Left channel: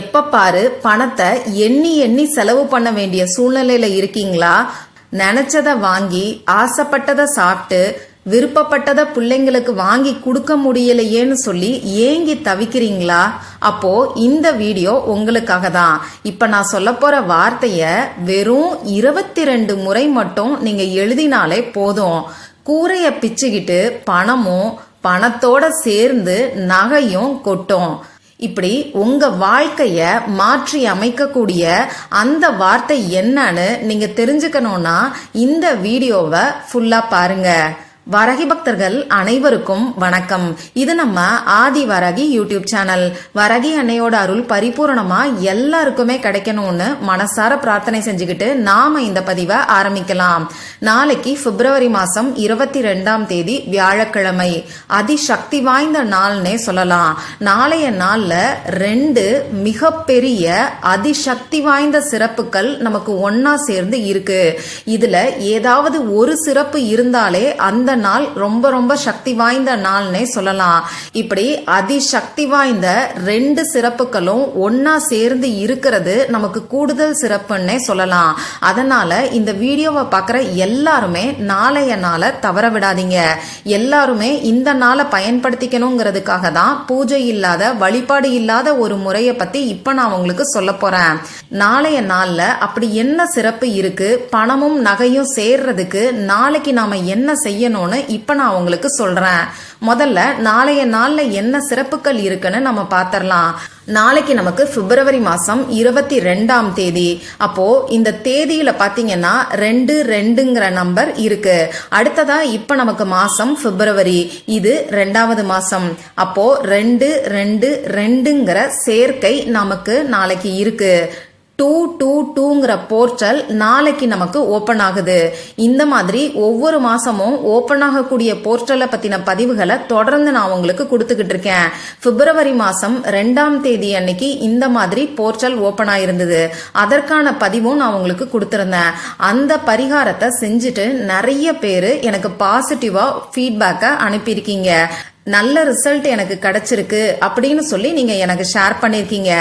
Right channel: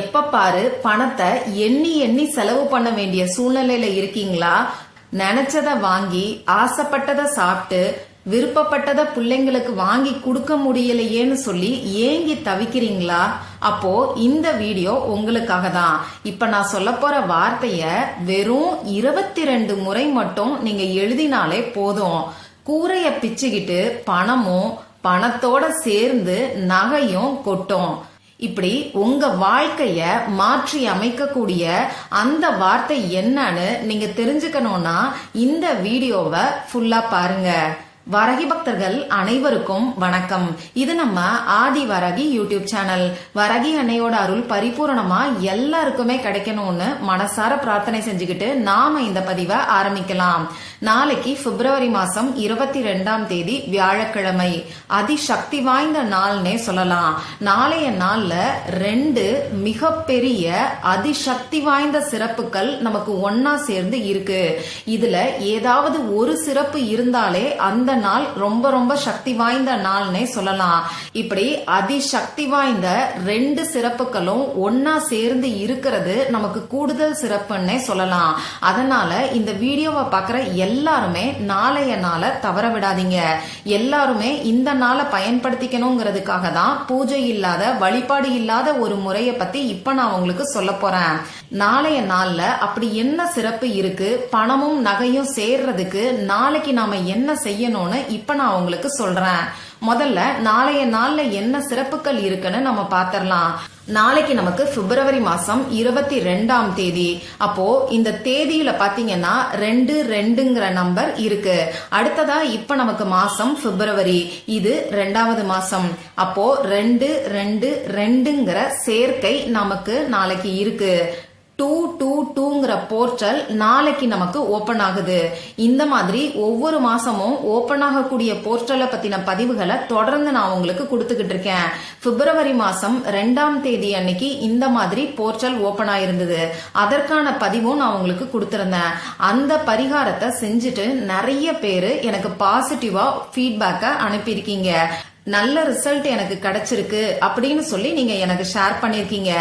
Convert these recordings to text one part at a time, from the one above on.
எப்ப பாரு பணத்தை எண்ணி எண்ணி செலவு பண்ண வேண்டிய சூழ்நிலையில இருக்கீங்களா? நினைச்சத வாங்கி ஆசைப்பட்டத சாப்பிட்டு விருப்பப்பட்டத பிள்ளைங்களுக்கு வாங்கி கொடுக்க முடியலையேன்னு சொல்லி ஏங்கி தவிக்கிறீங்களா? அப்போ இந்த வீடியோ உங்களுக்காக தான் இப்ப நான் சொல்ல போற வார்த்தைய வெறும் இருபத்தி ரெண்டு முறை மட்டும் நீங்க எழுதினாலே போதும். கூரைய பிச்சுக்கிட்டு பணமும் பணத்தோட சேர்ந்து நகையும் கொட்டும். இப்படி உங்க வாழ்க்கைய மாற்றி அமைக்கக்கூடிய அந்த வார்த்தை என்னன்னு நீங்க தெரிஞ்சுக்கணும்னா இந்த வீடியோவை ஃபுல்லா பாருங்க. வரகி பக்தர்கள் அனைவருக்கும் வணக்கம். இது நம்ம ஆதி வரகி யூடியூப் சேனல். வரகி அன்னையோட அருள் பரிபூரணமா எல்லாருக்குமே கிடைக்கணும்னு மனசார பிரார்த்தனை செஞ்சுக்கிட்டு நாம இந்த பதிவை ஆரம்பிக்கலாம். நாளைக்கு பிப்ரவரி மாசம் இருபத்தி ரெண்டாம் தேதி வியாழக்கிழமை. அதிசக்தி வாய்ந்த நாள்னே சொல்லலாம். நாளைய நாள்ல ரெண்டு மிகப்பெரிய அதிசக்தி வாய்ந்த சிறப்புகள் நமக்கு ஒன்னா சேர்ந்து இருக்கு. இதுல ஏதாவது ஒரு சிறப்பு இருந்தாலே அந்த நாள் ரொம்ப ரொம்ப சக்தி வாய்ந்த நாள்னே சொல்லலாம். இப்படி அதிசக்தி வாய்ந்த ரெண்டு சிறப்புகளும் ஒன்னா சேர்ந்து இருக்கிறது நமக்கு கூடுதல் சிறப்புன்னே சொல்லலாம். அதனால இந்த வீடியோவை பார்க்குற எல்லாருமே நாளைய நாளை தவற விடாதீங்க. எல்லாருமே இந்த நாளை பயன்படுத்திக்கணுங்கிறதுக்காக தான் பூஜை இல்லாத வழிபாடு இல்லாத ஒரு முறையை பத்தி இப்ப நான் உங்களுக்கு சொல்ல போறேன். நாளைய நாள்ல அப்படி என்ன சிறப்பு இருக்கு? பணமும் நகையும் சேர்றதுக்கு நாளைக்கு நாம என்ன செய்யணும்? செய்யணும்னு இப்ப நான் உங்களுக்கு சொல்றேன். முதல்ல நாளைய நாள்ல என்ன சிறப்புகள் இருக்குன்னு நம்ம பாத்திரலாம். நாளைக்கு நமக்கு பிப்ரவரி மாசம் இருபத்தி ரெண்டாம் தேதி. அப்போ இந்த தேதியில பாத்தீங்கன்னா ரெண்டு ரெண்டுங்கிற நம்பர் இருக்கு. அடுத்ததா இப்ப நமக்கு மாசம் பிப்ரவரி. இது ரெண்டாவது மாசம். அப்போ ரெண்டு ரெண்டு ரெண்டுங்கிற சேர்க்கை நமக்கு நாளைக்கு இருக்கு. டூ டூ டூங்கிற போர்ட்டல் நாளைக்கு நமக்கு ஓபன் ஆகுது. இந்த மாதிரி ஒவ்வொரு மாசமும் ஓபன் ஆகக்கூடிய போர்ட்டலை பத்தின பதிவுகளை தொடர்ந்து நான் உங்களுக்கு கொடுத்துக்கிட்டு இருக்கேன். பிப்ரவரி மாசம் ரெண்டாம் தேதி அன்னைக்கு இந்த மாதிரி போர்ட்டல் ஓபன் ஆயிருந்தது. அதற்கான பதிவும் நான் உங்களுக்கு கொடுத்திருந்தேன். அந்த பரிகாரத்தை செஞ்சுட்டு நிறைய பேரு எனக்கு பாசிட்டிவா ஃபீட்பேக்கை அனுப்பியிருக்கீங்க. நல்ல ரிசல்ட் எனக்கு கிடைச்சிருக்கு அப்படின்னு சொல்லி நீங்க எனக்கு ஷேர் பண்ணிருக்கீங்க.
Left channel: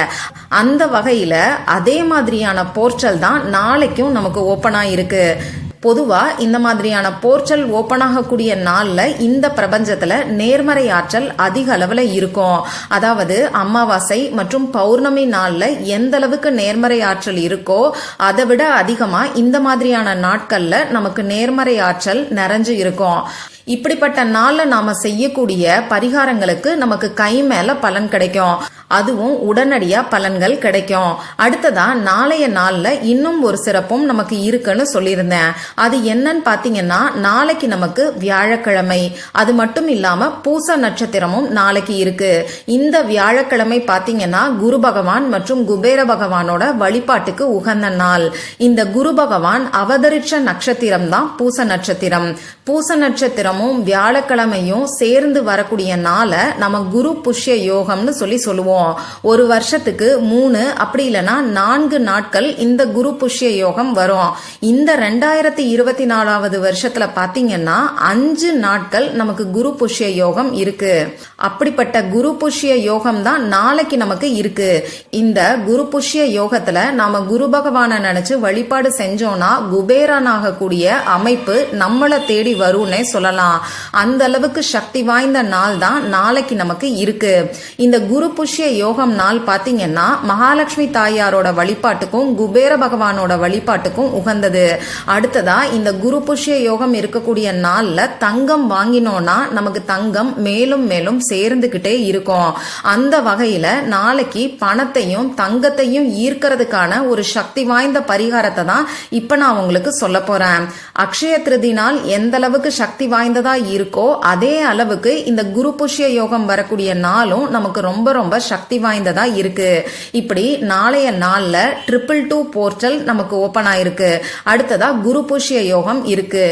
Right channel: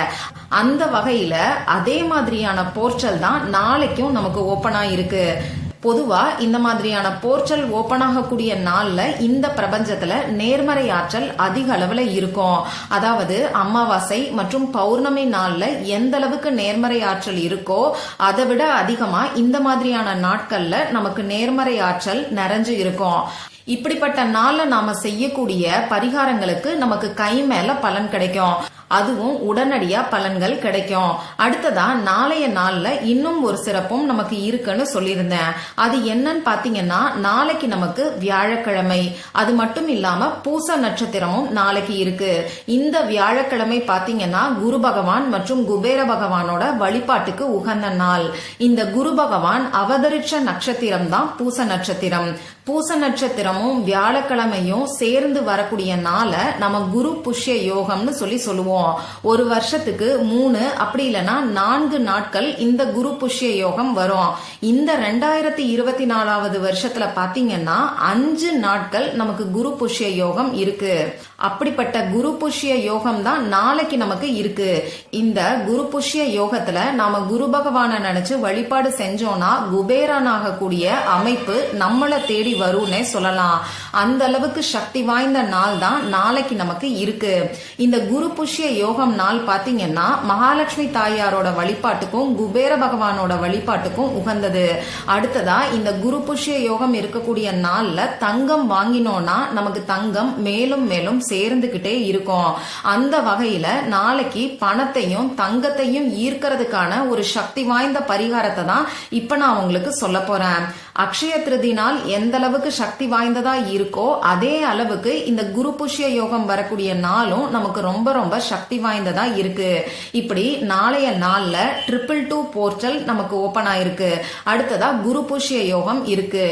அந்த வகையில அதே மாதிரியான போர்ட்டல் தான் நாளைக்கும் நமக்கு ஓபன் ஆயிருக்கு. பொதுவா இந்த மாதிரியான போர்ச்சல் ஓபன் ஆகக்கூடிய நாள்ல இந்த பிரபஞ்சத்துல நேர்மறை ஆற்றல் அதிக அளவுல இருக்கும். அதாவது அமாவாசை மற்றும் பௌர்ணமி நாள்ல எந்த அளவுக்கு நேர்மறை ஆற்றல் இருக்கோ அதை விட அதிகமா இந்த மாதிரியான நாட்கள்ல நமக்கு நேர்மறை ஆற்றல் நிறைஞ்சு இருக்கும். இப்படிப்பட்ட நாள்ல நாம செய்யக்கூடிய பரிகாரங்களுக்கு நமக்கு கை மேல பலன் கிடைக்கும். அதுவும் உடனடியா பலன்கள் கிடைக்கும். அடுத்ததா நாளைய நாள்ல இன்னும் ஒரு சிறப்பும் நமக்கு இருக்குன்னு சொல்லியிருந்தேன். அது என்னன்னு பாத்தீங்கன்னா நாளைக்கு நமக்கு வியாழக்கிழமை. அது மட்டும் இல்லாம பூச நட்சத்திரமும் நாளைக்கு இருக்கு. இந்த வியாழக்கிழமை பாத்தீங்கன்னா குரு பகவான் மற்றும் குபேர பகவானோட வழிபாட்டுக்கு உகந்த நாள். இந்த குரு பகவான் அவதரிச்ச நட்சத்திரம் தான் பூச நட்சத்திரம். பூச நட்சத்திரமும் வியாழக்கிழமையும் சேர்ந்து வரக்கூடிய நாளை நம்ம குரு புஷ்ய யோகம்னு சொல்லி சொல்லுவோம். ஒரு வருஷத்துக்கு மூணு அப்படி இல்லைன்னா நான்கு நாட்கள் இந்த குரு புஷ்ய யோகம் வரும். இந்த ரெண்டாயிரத்தி இருபத்தி நாலாவது வருஷத்துல பாத்தீங்கன்னா அஞ்சு நாட்கள் நமக்கு குரு புஷ்ய யோகம் இருக்கு. அப்படிப்பட்ட குரு புஷ்ய யோகம் தான் நாளைக்கு நமக்கு இருக்கு. இந்த குரு புஷ்ய யோகத்துல நாம குரு பகவான நினைச்சு வழிபாடு செஞ்சோம்னா குபேரன் ஆகக்கூடிய அமைப்பு நம்மளை தேடி வரும்னே சொல்லலாம். அந்த அளவுக்கு சக்தி வாய்ந்த நாள் தான் நாளைக்கு நமக்கு இருக்கு. இந்த குரு புஷ்ய யோகம் நாள் பாத்தீங்கன்னா மகாலட்சுமி தாயாரோட வழிபாட்டுக்கும் குபேர பகவானோட வழிபாட்டுக்கும் உகந்தது. அடுத்ததா இந்த குரு புஷ்ய யோகம் இருக்கக்கூடிய நாள்ல தங்கம் வாங்கினோம்னா நமக்கு தங்கம் மேலும் மேலும் சேர்ந்துகிட்டே இருக்கும். அந்த வகையில நாளைக்கு பணத்தையும் தங்கத்தையும் ஈர்க்கிறதுக்கான ஒரு சக்தி வாய்ந்த பரிகாரத்தை தான் இப்ப நான் உங்களுக்கு சொல்ல போறேன். அக்ஷய திருதி நாள் எந்த அளவுக்கு சக்தி வாய்ந்ததா இருக்கோ அதே அளவுக்கு இந்த குரு புஷ்ய யோகம் வரக்கூடிய நாளும் நமக்கு ரொம்ப ரொம்ப சக்தி வாய்ந்ததா இருக்கு. இப்படி நாளைய நாள்ல ட்ரிபிள் டூ போர்ட்டல் நமக்கு ஓபன் ஆயிருக்கு. அடுத்ததா குரு புஷ்ய யோகம் இருக்கு.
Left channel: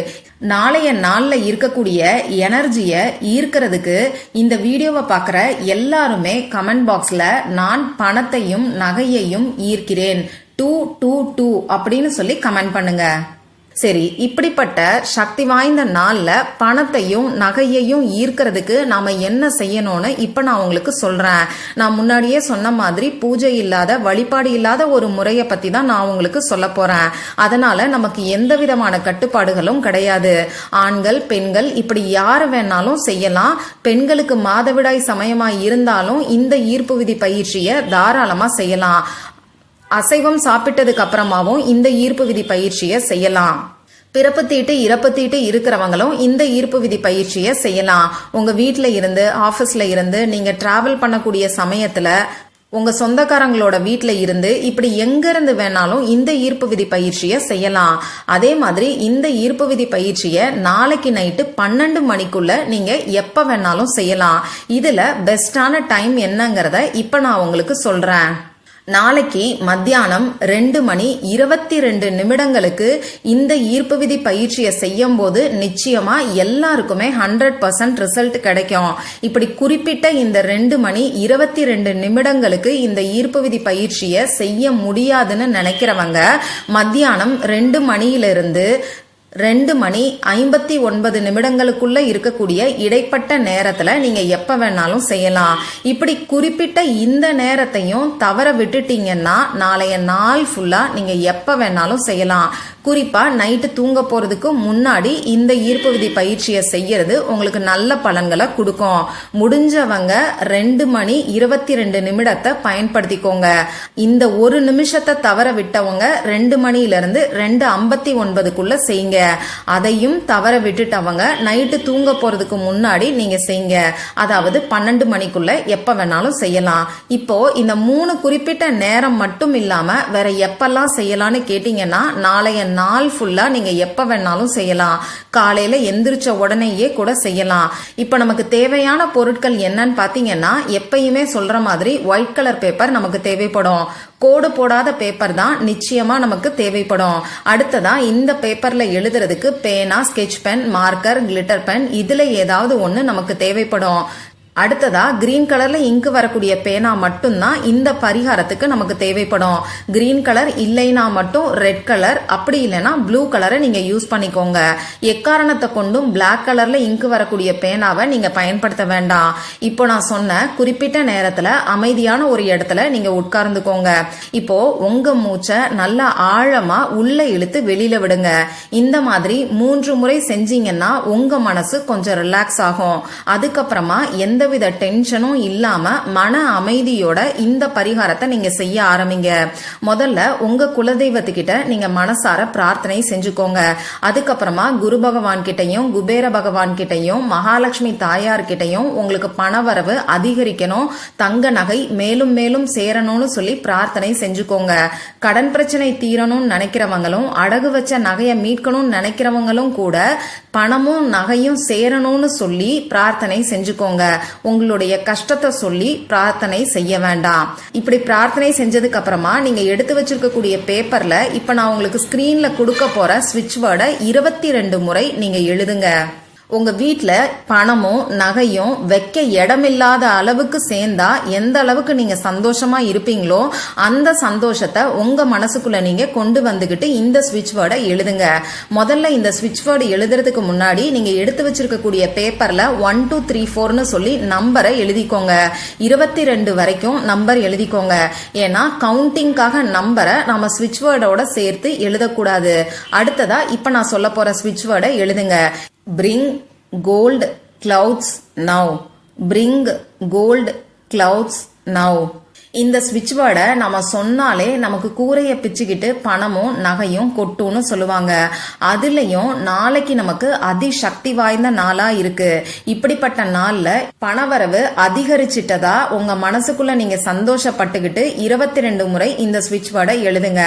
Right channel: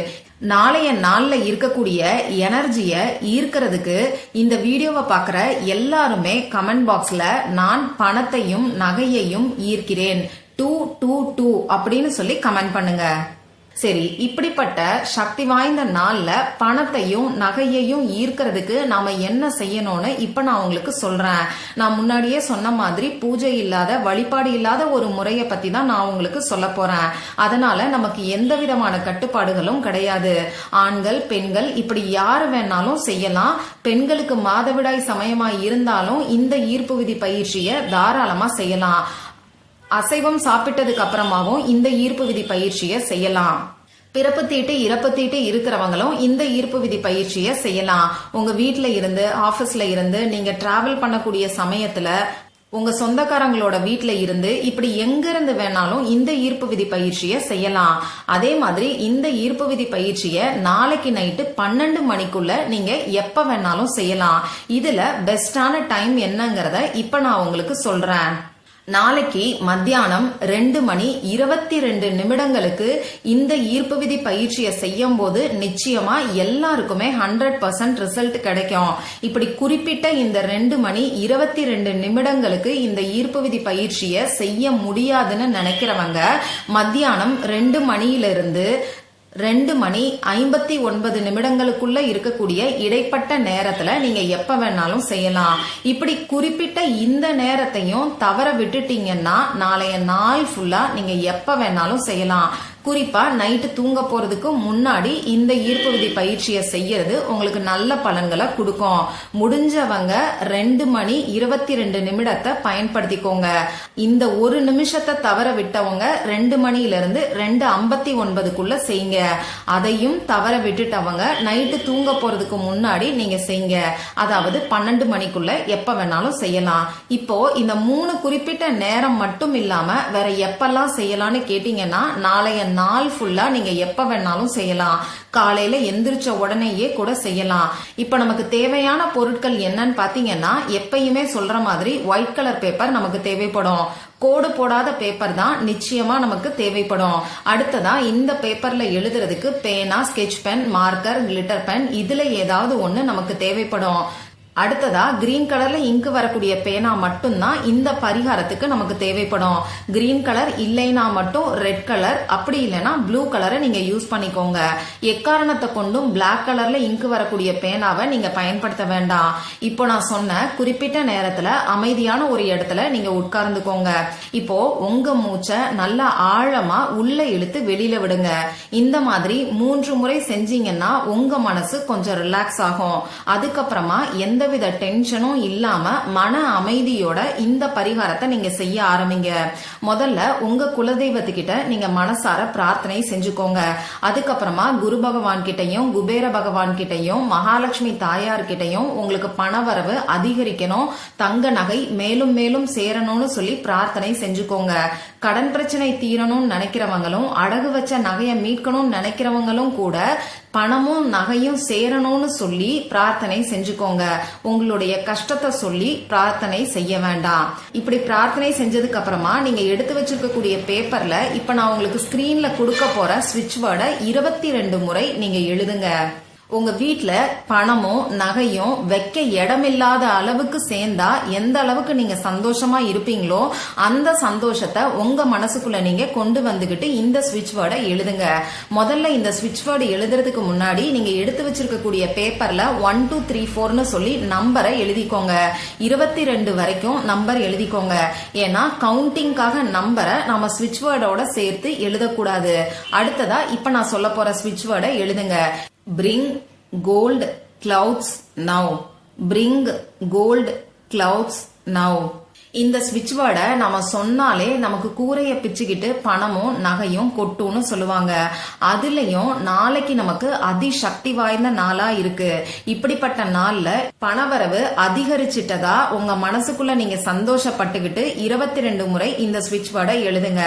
நாளைய நாள்ல இருக்கக்கூடிய எனர்ஜிய ஈர்க்கிறதுக்கு இந்த வீடியோவை பார்க்குற எல்லாருமே கமெண்ட் பாக்ஸ்ல நான் பணத்தையும் நகையையும் ஈர்க்கிறேன். டூ டூ டூ அப்படின்னு சொல்லி கமெண்ட் பண்ணுங்க. சரி இப்படிப்பட்ட சக்தி வாய்ந்த நாள்ல பணத்தையும் நகையையும் ஈர்க்கிறதுக்கு நாம என்ன செய்யணும்னு இப்ப நான் உங்களுக்கு சொல்றேன். நான் முன்னாடியே சொன்ன மாதிரி பூஜை இல்லாத வழிபாடு இல்லாத ஒரு முறையை பத்தி தான் நான் உங்களுக்கு சொல்ல போறேன். அதனால நமக்கு எந்த விதமான கட்டுப்பாடுகளும் கிடையாது. ஆண்கள் பெண்கள் இப்படி யாரு வேணாலும் செய்யலாம். பெண்களுக்கு மாதவிடாய் சமயமா இருந்தாலும் இந்த ஈர்ப்பு விதி பயிற்சியை தாராளமா செய்யலாம். அசைவம் சாப்பிட்டதுக்கு அப்புறமாவும் இந்த ஈர்ப்பு விதி பயிற்சியை செய்யலாம். பிறப்பு தீட்டு இறப்பு தீட்டு இருக்கிறவங்களும் இந்த ஈர்ப்பு விதி பயிற்சியை செய்யலாம். உங்க வீட்ல இருந்து ஆபீஸ்ல இருந்து நீங்க டிராவல் பண்ணக்கூடிய சமயத்துல உங்க சொந்தக்காரங்களோட வீட்டுல இருந்து இப்படி எங்க இருந்து வேணாலும் இந்த ஈர்ப்பு விதி பயிற்சியை செய்யலாம். அதே மாதிரி இந்த ஈர்ப்பு விதி பயிற்சியை நாளைக்கு நைட்டு பன்னெண்டு மணிக்குள்ள நீங்க எப்ப வேணாலும் செய்யலாம். இதுல பெஸ்டான டைம் என்னங்கறத இப்ப நான் உங்களுக்கு சொல்றேன். நாளைக்கு மத்தியானம் ரெண்டு மணி இருபத்தி ரெண்டு நிமிடங்களுக்கு இந்த ஈர்ப்பு விதி பயிற்சியை செய்யும் போது நிச்சயமா எல்லாருக்குமே ஹண்ட்ரட் பர்சன்ட் ரிசல்ட் கிடைக்கும். இப்படி குறிப்பிட்ட இந்த ரெண்டு மணி இருபத்தி ரெண்டு நிமிடங்களுக்கு இந்த ஈர்ப்பு விதி பயிற்சியை செய்ய முடியாதுன்னு நினைக்கிறவங்க மத்தியானம் ரெண்டு மணியிலிருந்து ரெண்டு மணி ஐம்பத்தி ஒன்பது நிமிடங்களுக்குள்ள இருக்கக்கூடிய இடைப்பட்ட நேரத்துல நீங்க எப்ப வேணாலும் செய்யலாம். இப்படி குறிப்பிட்ட இந்த நேரத்தையும் தவற விட்டுட்டீங்கன்னா நாளைய நாள் ஃபுல்லா நீங்க எப்ப வேணாலும் செய்யலாம். குறிப்பா நைட்டு தூங்க போறதுக்கு முன்னாடி இந்த ஈர்ப்பு விதி பயிற்சியை செய்யறது உங்களுக்கு நல்ல பலன்களை கொடுக்கும். முடிஞ்சவங்க ரெண்டு மணி இருபத்தி ரெண்டு நிமிடத்தை பயன்படுத்திக்கோங்க. இந்த ஒரு நிமிஷத்தை தவற விட்டவங்க ரெண்டு மணில இருந்து ரெண்டு ஐம்பத்தி ஒன்பதுக்குள்ள செய்யுங்க. அதையும் தவற விட்டுட்டவங்க நைட்டு தூங்க போறதுக்கு முன்னாடி நீங்க செய்யுங்க. அதாவது பன்னெண்டு மணிக்குள்ள எப்ப வேணாலும் செய்யலாம். இப்போ இந்த மூணு குறிப்பிட்ட நேரம் மட்டும் இல்லாம வேற எப்பெல்லாம் செய்யலாம்னு கேட்டீங்கன்னா நாளைய நாள் ஃபுல்லா நீங்க எப்ப வேணாலும் செய்யலாம். காலையில எந்திரிச்ச உடனேயே கூட செய்யலாம். இப்ப நமக்கு தேவையான பொருட்கள் என்னன்னு பாத்தீங்கன்னா எப்பயுமே சொல்ற மாதிரி ஒயிட் கலர் பேப்பர் நமக்கு தேவைப்படும். கோடு போடாத பேப்பர் தான் நிச்சயமா நமக்கு தேவைப்படும். அடுத்ததா இந்த பேப்பர்ல எழுதுறதுக்கு பேனா sketch pen marker glitter pen இதுல ஏதாவது ஒண்ணு நமக்கு தேவைப்படும். அடுத்ததா கிரீன் கலர்ல இங்கு வரக்கூடிய பேனா மட்டும்தான் இந்த பரிகாரத்துக்கு நமக்கு தேவைப்படும். கிரீன் கலர் இல்லைனா மட்டும் ரெட் கலர் அப்படி இல்லைன்னா ப்ளூ கலரை நீங்க யூஸ் பண்ணிக்கோங்க. எக்காரணத்தை கொண்டும் பிளாக் கலர்ல இங்கு வரக்கூடிய பேனாவை நீங்க பயன்படுத்த வேண்டாம். இப்போ நான் சொன்ன குறிப்பிட்ட நேரத்துல அமைதியான ஒரு இடத்துல நீங்க உட்கார்ந்துக்கோங்க. இப்போ உங்க மூச்சை நல்லா ஆழமா உள்ள இழுத்து வெளியில விடுங்க. இந்த மாதிரி மூன்று முறை செஞ்சீங்கன்னா உங்க மனசு கொஞ்சம் ரிலாக்ஸ் ஆகும். அதுக்கப்புறமா எந்த எந்தவித டென்ஷனும் இல்லாம மன அமைதியோட இந்த பரிகாரத்தை நீங்க செய்ய ஆரம்பிங்க. முதல்ல உங்க குலதெய்வத்துக்கிட்ட நீங்க மனசார பிரார்த்தனை செஞ்சுக்கோங்க. அதுக்கப்புறமா குரு பகவான் கிட்டையும் குபேர பகவான் கிட்டையும் மகாலட்சுமி தாயார் கிட்டையும் உங்களுக்கு பணவரவு அதிகரிக்கணும். தங்க நகை மேலும் மேலும் சேரணும்னு சொல்லி பிரார்த்தனை செஞ்சுக்கோங்க. கடன் பிரச்சனை தீரணும்னு நினைக்கிறவங்களும் அடகு வச்ச நகையை மீட்கணும்னு நினைக்கிறவங்களும் கூட பணமும் நகையும் சேரணும்னு சொல்லி பிரார்த்தனை செஞ்சுக்கோங்க. உங்களுடைய கஷ்டத்தை சொல்லி பிரார்த்தனை செய்ய வேண்டாம். இப்படி பிரார்த்தனை செஞ்சதுக்கு அப்புறமா நீங்க எடுத்து வச்சிருக்கக்கூடிய பேப்பர்ல இப்ப நான் உங்களுக்கு ஸ்கிரீன்ல கொடுக்க போற ஸ்விட்ச் வேர்டை இருபத்தி ரெண்டு முறை நீங்க எழுதுங்க. உங்க வீட்டில் பணமும் நகையும் வைக்க இடமில்லாத அளவுக்கு சேர்ந்தா எந்த அளவுக்கு நீங்க சந்தோஷமா இருப்பீங்களோ அந்த சந்தோஷத்தை உங்க மனசுக்குள்ள நீங்க கொண்டு வந்துகிட்டு இந்த ஸ்விட்ச் வேர்டை எழுதுங்க. முதல்ல இந்த ஸ்விட்ச் வேர்டு எழுதுறதுக்கு முன்னாடி நீங்க எடுத்து வச்சிருக்கக்கூடிய பேப்பர்ல ஒன் டூ த்ரீ ஃபோர்னு சொல்லி நம்பரை எழுதிக்கோங்க. இருபத்தி ரெண்டு வரைக்கும் நம்பர் எழுதிக்கோங்க. ஏன்னா கவுண்டிங்காக நம்பரை நாம ஸ்விட்ச் வேர்டோட சேர்த்து எழுதக்கூடாது. அடுத்ததா இப்ப நான் சொல்ல போற ஸ்விட்ச் வேர்டை எழுதுங்க. Bring gold clouds now. Bring gold clouds now இந்த ஸ்விட்ச் வேர்டை நம்ம சொன்னாலே நமக்கு கூரையை பிச்சுக்கிட்டு பணமும் நகையும் கொட்டும்னு சொல்லுவாங்க. அதுலயும் நாளைக்கு நமக்கு அதிசக்தி வாய்ந்த நாளா இருக்கு. இப்படிப்பட்ட நாள்ல பணவரவு அதிகரிச்சிட்டதா உங்க மனசுக்குள்ள நீங்க சந்தோஷப்பட்டுக்கிட்டு இருபத்தி ரெண்டு முறை இந்த ஸ்விட்ச் வேர்டை எழுதுங்க.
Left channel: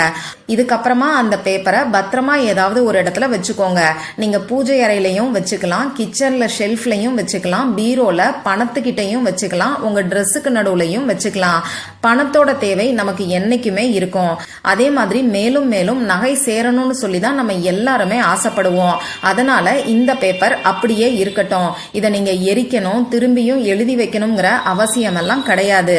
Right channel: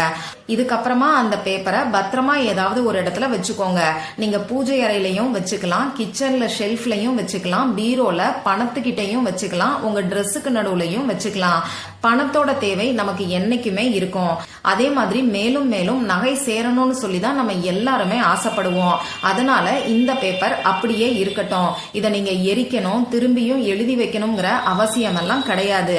இதுக்கப்புறமா அந்த பேப்பரை பத்திரமா ஏதாவது ஒரு இடத்துல வச்சுக்கோங்க. நீங்க பூஜை அறையிலையும் வச்சுக்கலாம் கிச்சன்ல ஷெல்ஃப்லயும் வச்சுக்கலாம் பீரோல பணத்துக்கிட்டையும் வச்சுக்கலாம் உங்க ட்ரெஸ்ஸுக்கு நடுவுலையும் வச்சுக்கலாம். பணத்தோட தேவை நமக்கு என்னைக்குமே இருக்கும். அதே மாதிரி மேலும் மேலும் நகை சேரணும்னு சொல்லி தான் நம்ம எல்லாருமே ஆசைப்படுவோம். அதனால இந்த பேப்பர் அப்படியே இருக்கட்டும். இதை நீங்க எரிக்கணும் திரும்பியும் எழுதி வைக்கணுங்கிற அவசியம் எல்லாம் கிடையாது.